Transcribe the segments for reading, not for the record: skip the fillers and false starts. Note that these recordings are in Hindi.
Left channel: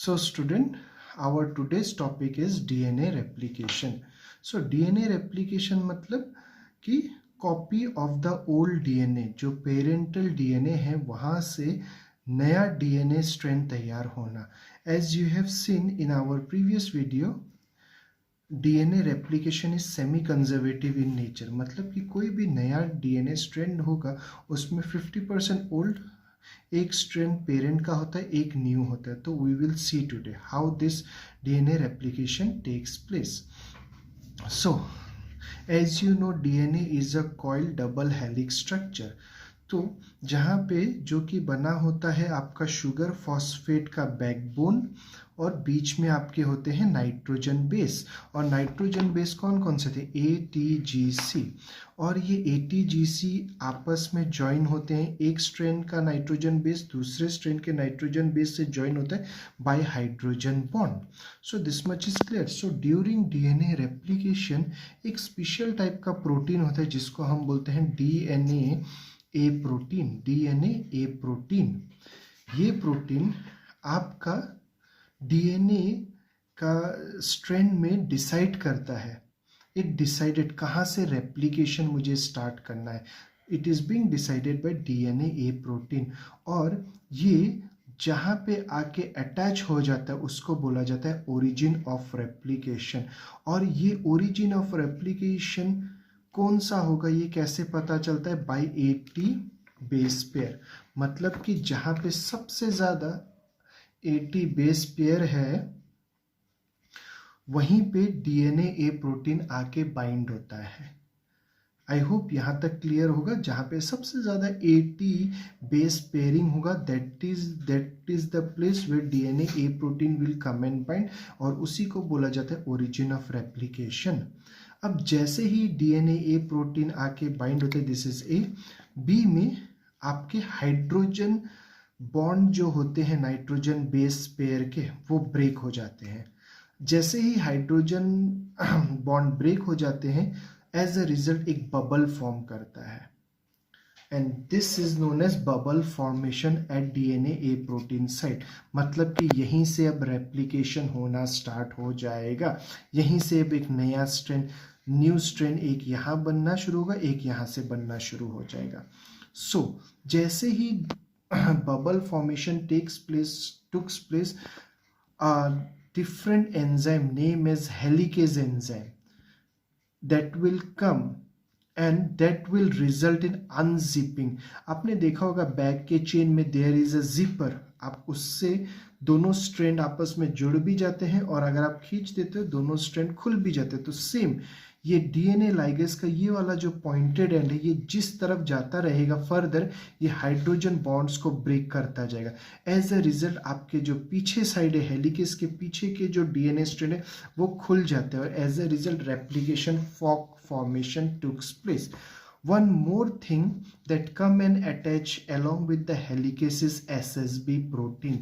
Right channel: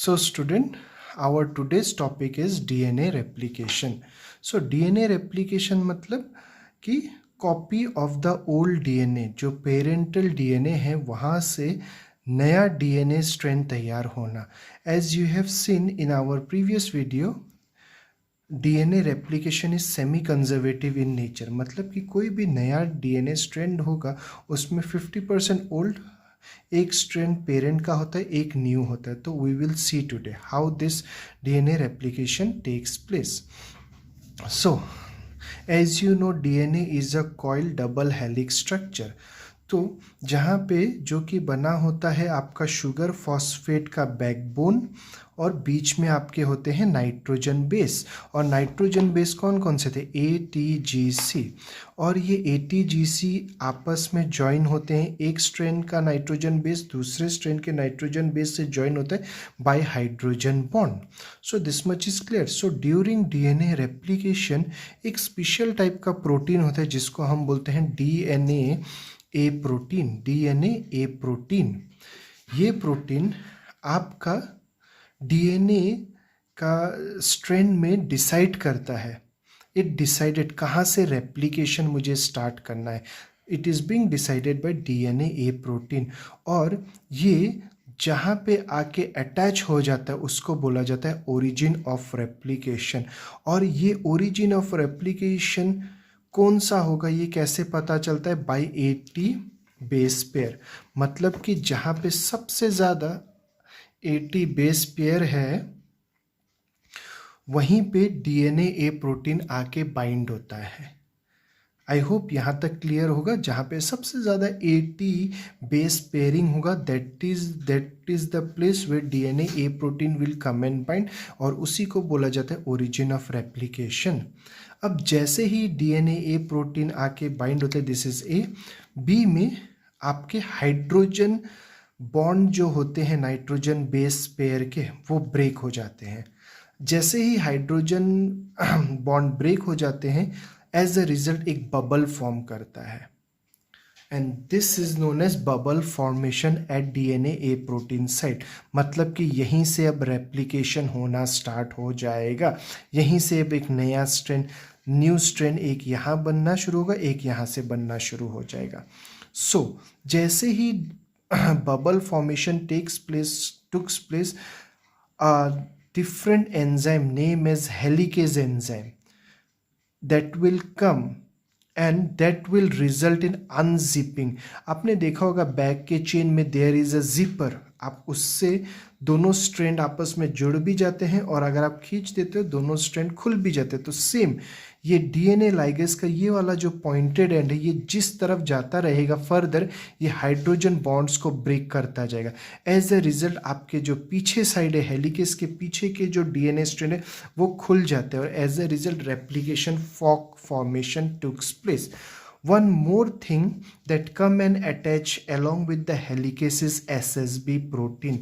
So student, our today's topic is DNA replication. So DNA replication मतलब कि copy of the old DNA, जो पेरेंटल डीएनए है वहाँ से नया डीएनए स्ट्रैंड तैयार होना. As you have seen in our previous video, DNA replication is semi conservative in nature. मतलब कि कोई भी नया डीएनए स्ट्रैंड होगा उसमें 50% ओल्ड एक स्ट्रैंड पेरेंट का होता है, एक न्यू होता है. तो we will see today how this DNA replication takes place. So as you know, DNA is a coil double helix structure. तो जहाँ पे जो कि बना होता है आपका शुगर फॉस्फेट का बैकबोन और बीच में आपके होते हैं नाइट्रोजन बेस. और नाइट्रोजन बेस कौन कौन से थे? ATGC. और ये ATGC आपस में ज्वाइन होते हैं. एक स्ट्रैंड का नाइट्रोजन बेस दूसरे स्ट्रैंड के नाइट्रोजन बेस से ज्वाइन होता है bye hydrogen bond. So this much is clear. So during DNA replication एक स्पेशल टाइप का प्रोटीन होता है जिसको हम बोलते हैं डीएनए ए प्रोटीन. ये प्रोटीन आपका डीएनए का स्ट्रैंड में डिसाइड करता है. इट डिसाइडेड कहाँ से रेप्लिकेशन मुझे स्टार्ट करना है. It is being decided by DNA A protein. और ये जहाँ पे आके अटैच हो जाता है उसको बोला जाता है ओरिजिन ऑफ रेप्लिकेशन. और ये ओरिजिन ऑफ रेप्लिकेशन कौन सा होगा, ये कैसे पता चलता है? By 80 base pair. मतलब कि जहाँ पे सबसे ज़्यादा 80 बेस पेयर है वहीं पे डीएनए ए प्रोटीन आके बाइंड होता है. आई होप यहाँ तक क्लियर होगा. जहाँ पे सबसे ज़्यादा 80 बेस पेयरिंग होगा that is the place where DNA A protein will come and bind. और उसी को बोला जाता है ओरिजिन ऑफ रेप्लिकेशन. अब जैसे ही डीएनए ए प्रोटीन आके बाइंड होता है, दिस इज ए. बी में आपके हाइड्रोजन बॉन्ड जो होते हैं नाइट्रोजन बेस पेयर के वो ब्रेक हो जाते हैं. जैसे ही हाइड्रोजन बॉन्ड ब्रेक हो जाते हैं एज अ रिजल्ट एक बबल फॉर्म करता है. And this is known as bubble formation at DNA A protein site. मतलब कि यहीं से अब रेप्लिकेशन होना स्टार्ट हो जाएगा. यहीं से अब एक नया स्ट्रैंड, न्यू स्ट्रैंड एक यहाँ बनना शुरू होगा, एक यहाँ से बनना शुरू हो जाएगा. सो जैसे ही bubble formation takes place, different enzyme name as helicase enzyme that will come and that will result in unzipping. आपने देखा होगा बैक के चेन में there is a zipper. आप उससे दोनों स्ट्रैंड आपस में जुड़ भी जाते हैं और अगर आप खींच देते हो दोनों स्ट्रैंड खुल भी जाते हैं. तो सेम ये डीएनए लाइगेज का ये वाला जो पॉइंटेड एंड है, ये जिस तरफ जाता रहेगा फर्दर ये हाइड्रोजन बॉन्ड्स को ब्रेक करता जाएगा. एज अ रिजल्ट आपके जो पीछे साइड है हेलिकेस के पीछे के जो डीएनए स्ट्रैंड है वो खुल जाते हैं और as a result replication fork formation took place. One more thing that come and attach along with the helicase is SSB protein,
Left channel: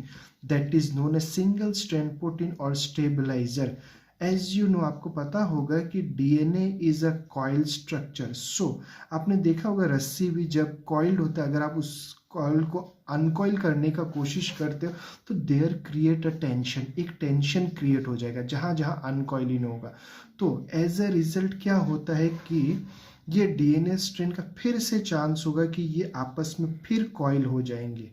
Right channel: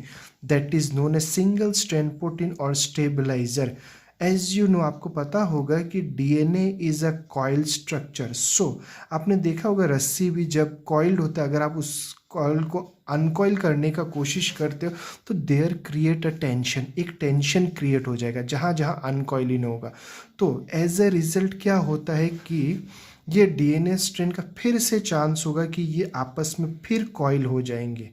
that is known as single strand protein or stabilizer. As you know, आपको पता होगा कि DNA is a coil structure. So आपने देखा होगा रस्सी भी जब coiled होता है, अगर आप उस कॉइल को अनकॉइल करने का कोशिश करते हो तो देयर क्रिएट अ टेंशन. एक टेंशन क्रिएट हो जाएगा जहाँ जहाँ अनकॉइलिंग होगा. तो एज अ रिजल्ट क्या होता है कि ये डीएनए स्ट्रैंड का फिर से चांस होगा कि ये आपस में फिर कॉइल हो जाएंगे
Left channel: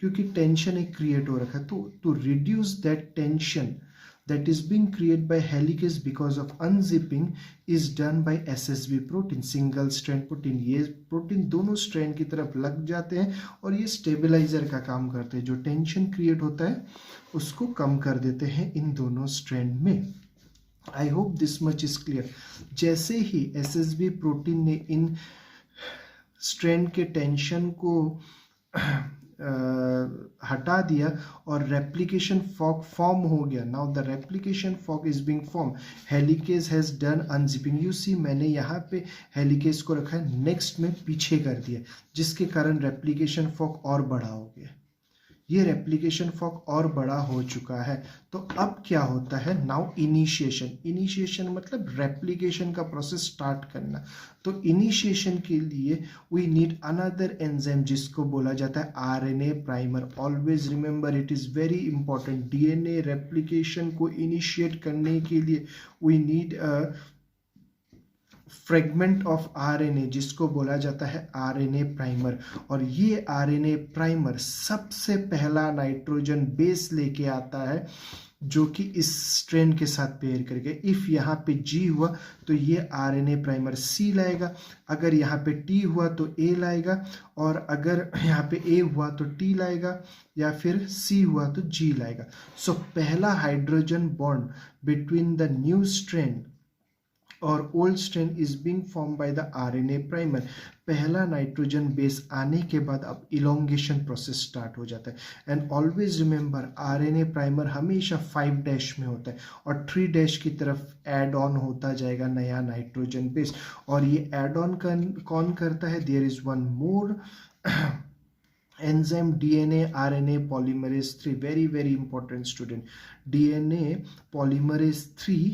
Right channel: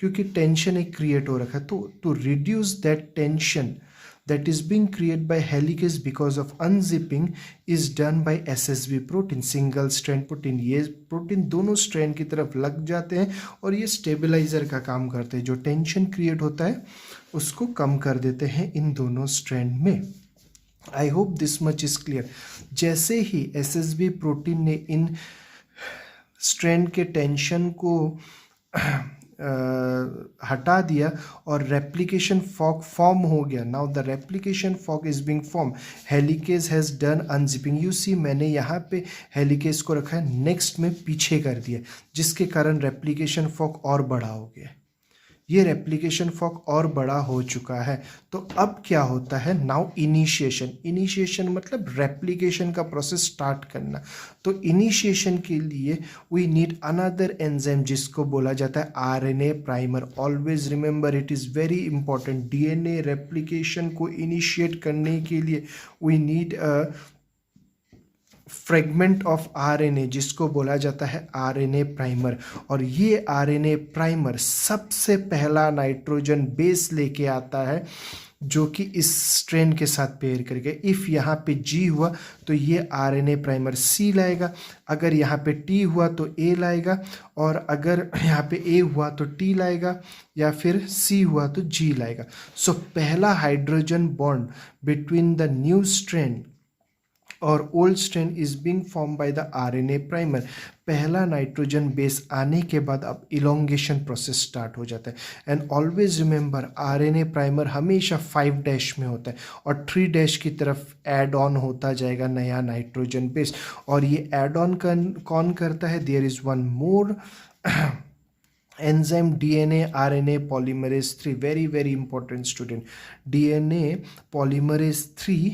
क्योंकि टेंशन एक क्रिएट हो रखा है. तो to reduce that tension that is being created by helicase because of unzipping is done by SSB protein, single strand protein. ये प्रोटीन दोनों स्ट्रैंड की तरफ लग जाते हैं और ये स्टेबलाइजर का काम करते हैं. जो टेंशन क्रिएट होता है उसको कम कर देते हैं इन दोनों स्ट्रैंड में. I hope this much is clear. जैसे ही SSB प्रोटीन ने इन स्ट्रैंड के टेंशन को हटा दिया और रेप्लिकेशन फॉक फॉर्म हो गया. Now the replication fork is being form. Helicase has done unzipping. You see मैंने यहाँ पे हेलिकेज को रखा है, नेक्स्ट में पीछे कर दिया जिसके कारण रेप्लिकेशन फॉक और बड़ा हो गया. ये रेप्लिकेशन फॉर्क और बड़ा हो चुका है। तो अब क्या होता है, नाउ इनिशिएशन मतलब रेप्लिकेशन का प्रोसेस स्टार्ट करना। तो इनिशिएशन के लिए वी नीड अनदर एंजाइम जिसको बोला जाता है RNA primer. Always remember, it is very important, DNA replication को इनिशिएट करने के लिए we need a fragment of RNA जिसको बोला जाता है आरएनए प्राइमर। और ये आरएनए प्राइमर सबसे पहला नाइट्रोजन बेस लेके आता है जो कि इस स्ट्रेन के साथ पेयर करके, इफ़ यहाँ पे जी हुआ तो ये आरएनए प्राइमर सी लाएगा, अगर यहाँ पे टी हुआ तो ए लाएगा, और अगर यहाँ पे ए हुआ तो टी लाएगा, या फिर सी हुआ तो जी लाएगा। सो पहला hydrogen bond between the new strand और old strand is being form by the RNA primer. पहला नाइट्रोजन बेस आने के बाद अब इलोंगेशन प्रोसेस स्टार्ट हो जाता है। And always remember, RNA primer हमेशा 5' में होता है और 3' की तरफ ऐड ऑन होता जाएगा नया नाइट्रोजन बेस। और ये ऐड ऑन कौन करता है, there is one more enzyme, DNA RNA polymerase 3, very very important student. DNA polymerase 3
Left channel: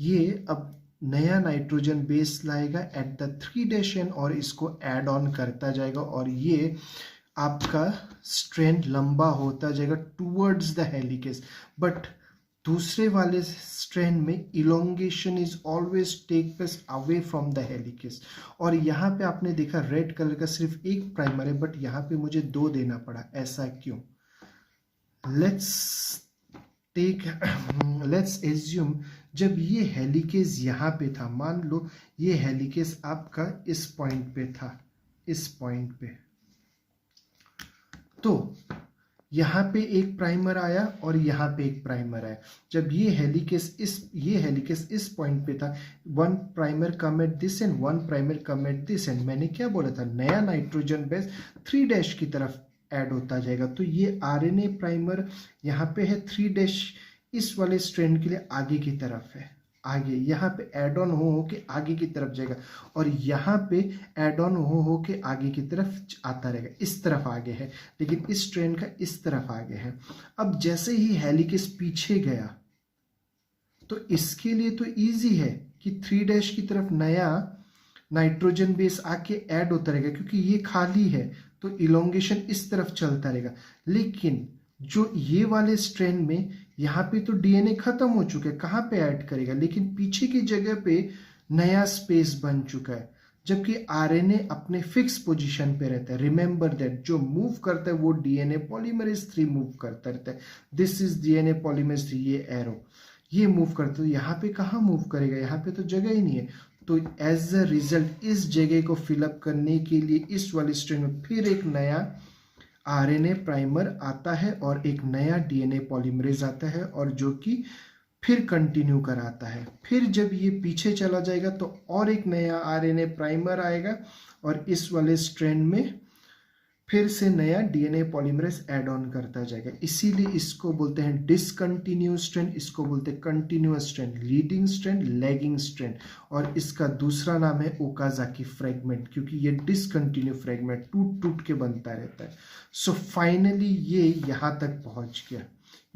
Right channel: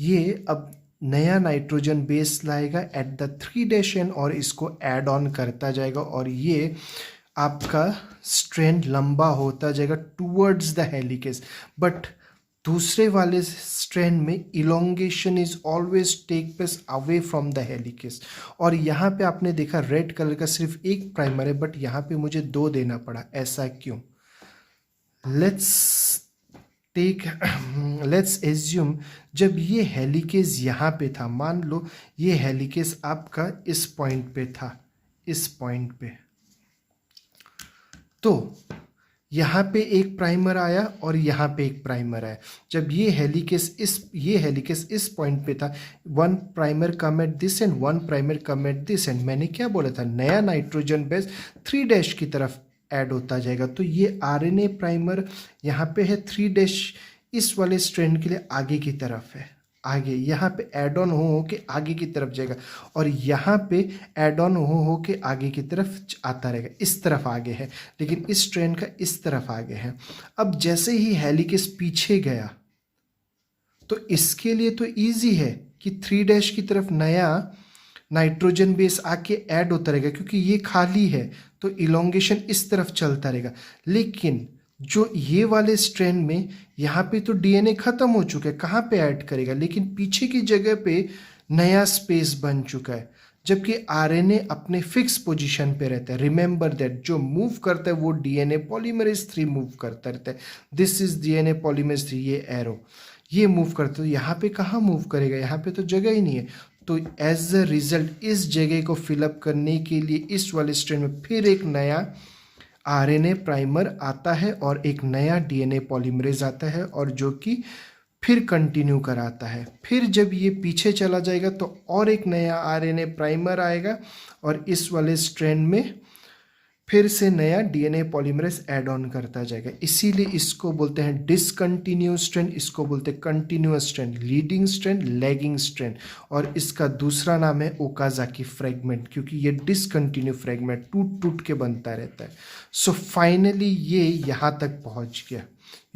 ये अब नया नाइट्रोजन बेस लाएगा एट द 3' एंड और इसको ऐड ऑन करता जाएगा, और ये आपका स्ट्रैंड लंबा होता जाएगा टूवर्ड्स द हेलिकेस। बट दूसरे वाले स्ट्रैंड में elongation is always take place away from the helicase. और यहाँ पे आपने देखा रेड कलर का सिर्फ एक प्राइमर है, बट यहाँ पे मुझे 2 देना पड़ा, ऐसा क्यों? लेट्स एज्यूम जब ये हेलिकेस यहाँ पे था, मान लो ये हेलिकेस आपका इस पॉइंट पे था, इस पॉइंट पे, तो यहाँ पे एक प्राइमर आया और यहाँ पे एक प्राइमर आया। जब ये हेलिकेस इस पॉइंट पे था, 1 primer come at this and 1 primer come at this and, मैंने क्या बोला था, नया नाइट्रोजन बेस 3' की तरफ ऐड होता जाएगा। तो ये आरएनए प्राइमर यहाँ पे है, 3' इस वाले स्ट्रैंड के लिए आगे की तरफ है, आगे यहाँ पे ऐड ऑन हो के आगे की तरफ जाएगा, और यहाँ पे ऐड ऑन हो के आगे की तरफ आता रहेगा, इस तरफ आगे है, लेकिन इस स्ट्रैंड का इस तरफ आगे है। अब जैसे ही हेलिकेस पीछे गया तो इसके लिए तो इजी है कि 3' की तरफ नया नाइट्रोजन बेस आके ऐड होता रहेगा, क्योंकि ये खाली है तो इलोंगेशन इस तरफ चलता रहेगा। लेकिन जो ये वाले स्ट्रैंड में यहाँ पे तो डीएनए खत्म हो चुका है, कहाँ पे ऐड करेगा, लेकिन पीछे की जगह पे नया स्पेस बन चुका है, जबकि आरएनए अपने फिक्स पोजीशन पे रहता है। रिमेंबर दैट, जो मूव करता है वो डीएनए पॉलीमरेज 3 मूव करता रहता है। दिस इज डीएनए पॉलीमरेज 3, ये एरो ये मूव करता है, तो यहाँ पे कहाँ मूव करेगा, यहाँ पे तो जगह ही नहीं है। तो एज अ रिजल्ट इस जगह को फिलअप करने के लिए इस वाले स्ट्रैंड में फिर एक नया आरएनए प्राइमर आता है और एक नया डीएनए पॉलीमरेज आता है, और जो कि फिर कंटिन्यू कराता है। फिर जब ये पीछे चला जाएगा तो और एक नया आरएनए प्राइमर आएगा, और इस वाले स्ट्रैंड में फिर से नया डीएनए पॉलीमरेज ऐड ऑन करता जाएगा। इसीलिए इसको बोलते हैं डिसकंटिन्यूअस स्ट्रैंड, इसको बोलते हैं continuous strand, leading strand, lagging strand, और इसका दूसरा नाम है ओकाजाकी फ्रेगमेंट, क्योंकि ये डिसकंटिन्यू फ्रेगमेंट टूट टूट के बनता रहता है। सो फाइनली ये यहाँ तक पहुँच गया,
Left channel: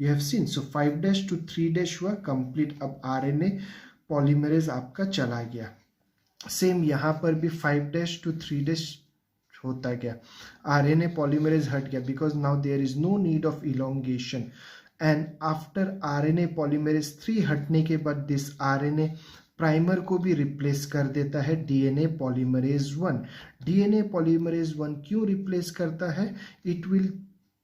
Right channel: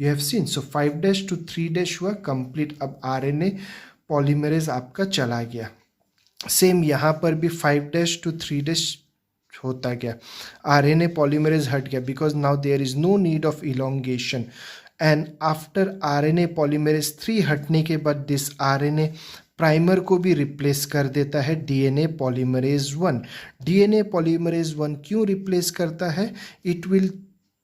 you have scene. So 5' to 3' हुआ कंप्लीट। अब आरएनए पॉलीमरेज आपका चला गया। सेम यहाँ पर भी 5' to 3' होता गया, आरएनए पॉलीमरेज हट गया, because now there is no need of elongation. And after RNA polymerase 3 हटने के बाद दिस आरएनए प्राइमर को भी रिप्लेस कर देता है डीएनए पॉलीमरेज 1। डीएनए पॉलीमरेज 1 क्यों रिप्लेस करता है? इट विल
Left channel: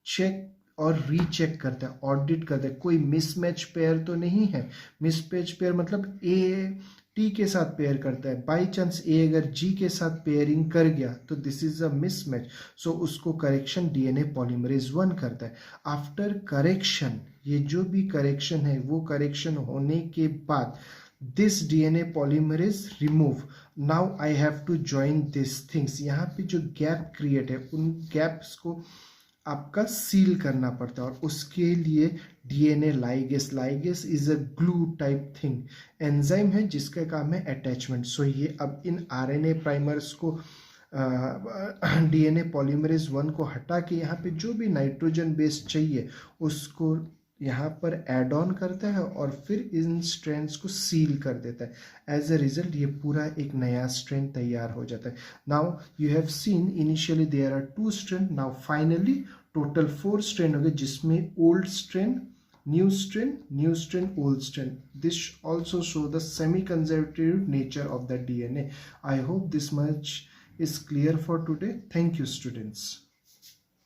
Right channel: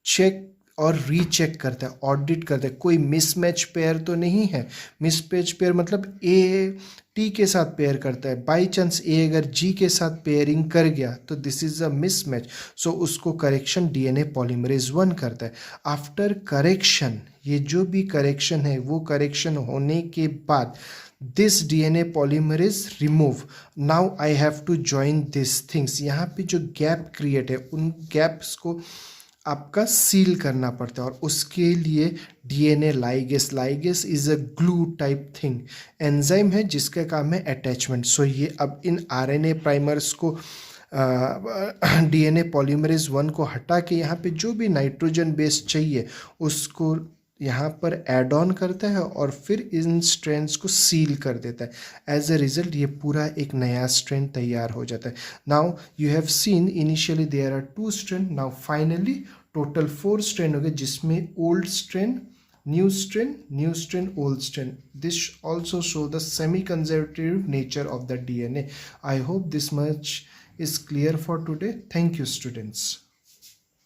चेक और रीचेक करता है, ऑडिट करता है, कोई मिसमैच पेयर तो नहीं है। मिसमैच पेयर मतलब ए टी के साथ पेयर करता है, बाई चांस ए अगर जी के साथ पेयरिंग कर गया तो दिस इज अ मिसमैच, सो उसको करेक्शन डीएनए पॉलीमरेज 1 करता है। आफ्टर करेक्शन, ये जो भी करेक्शन है वो करेक्शन होने के बाद this DNA polymerase remove, now I have to join this things. यहाँ पे जो गैप क्रिएट है उन गैप्स को आपका सील करना पड़ता है, और उसके लिए DNA ligase is a glue type thing, enzyme है जिसका काम है अटैचमेंट। सो ये अब इन आरएनए प्राइमर्स को डीएनए पॉलीमरेज 1 को हटा के यहाँ पे जो भी नाइट्रोजन बेस चाहिए उसको यहाँ पर ऐड ऑन करता है और फिर इन स्ट्रैंड्स को सील कर देता है। एज अ रिजल्ट ये पूरा एक नया स्ट्रैंड तैयार हो जाता है। Now you have seen initially there are 2 strand, now finally total 4 strand हो गए, जिसमें old strand, new strand, old strand. This also show the semi-conservative nature of the DNA. I hope this much is clear for today. Thank you, students.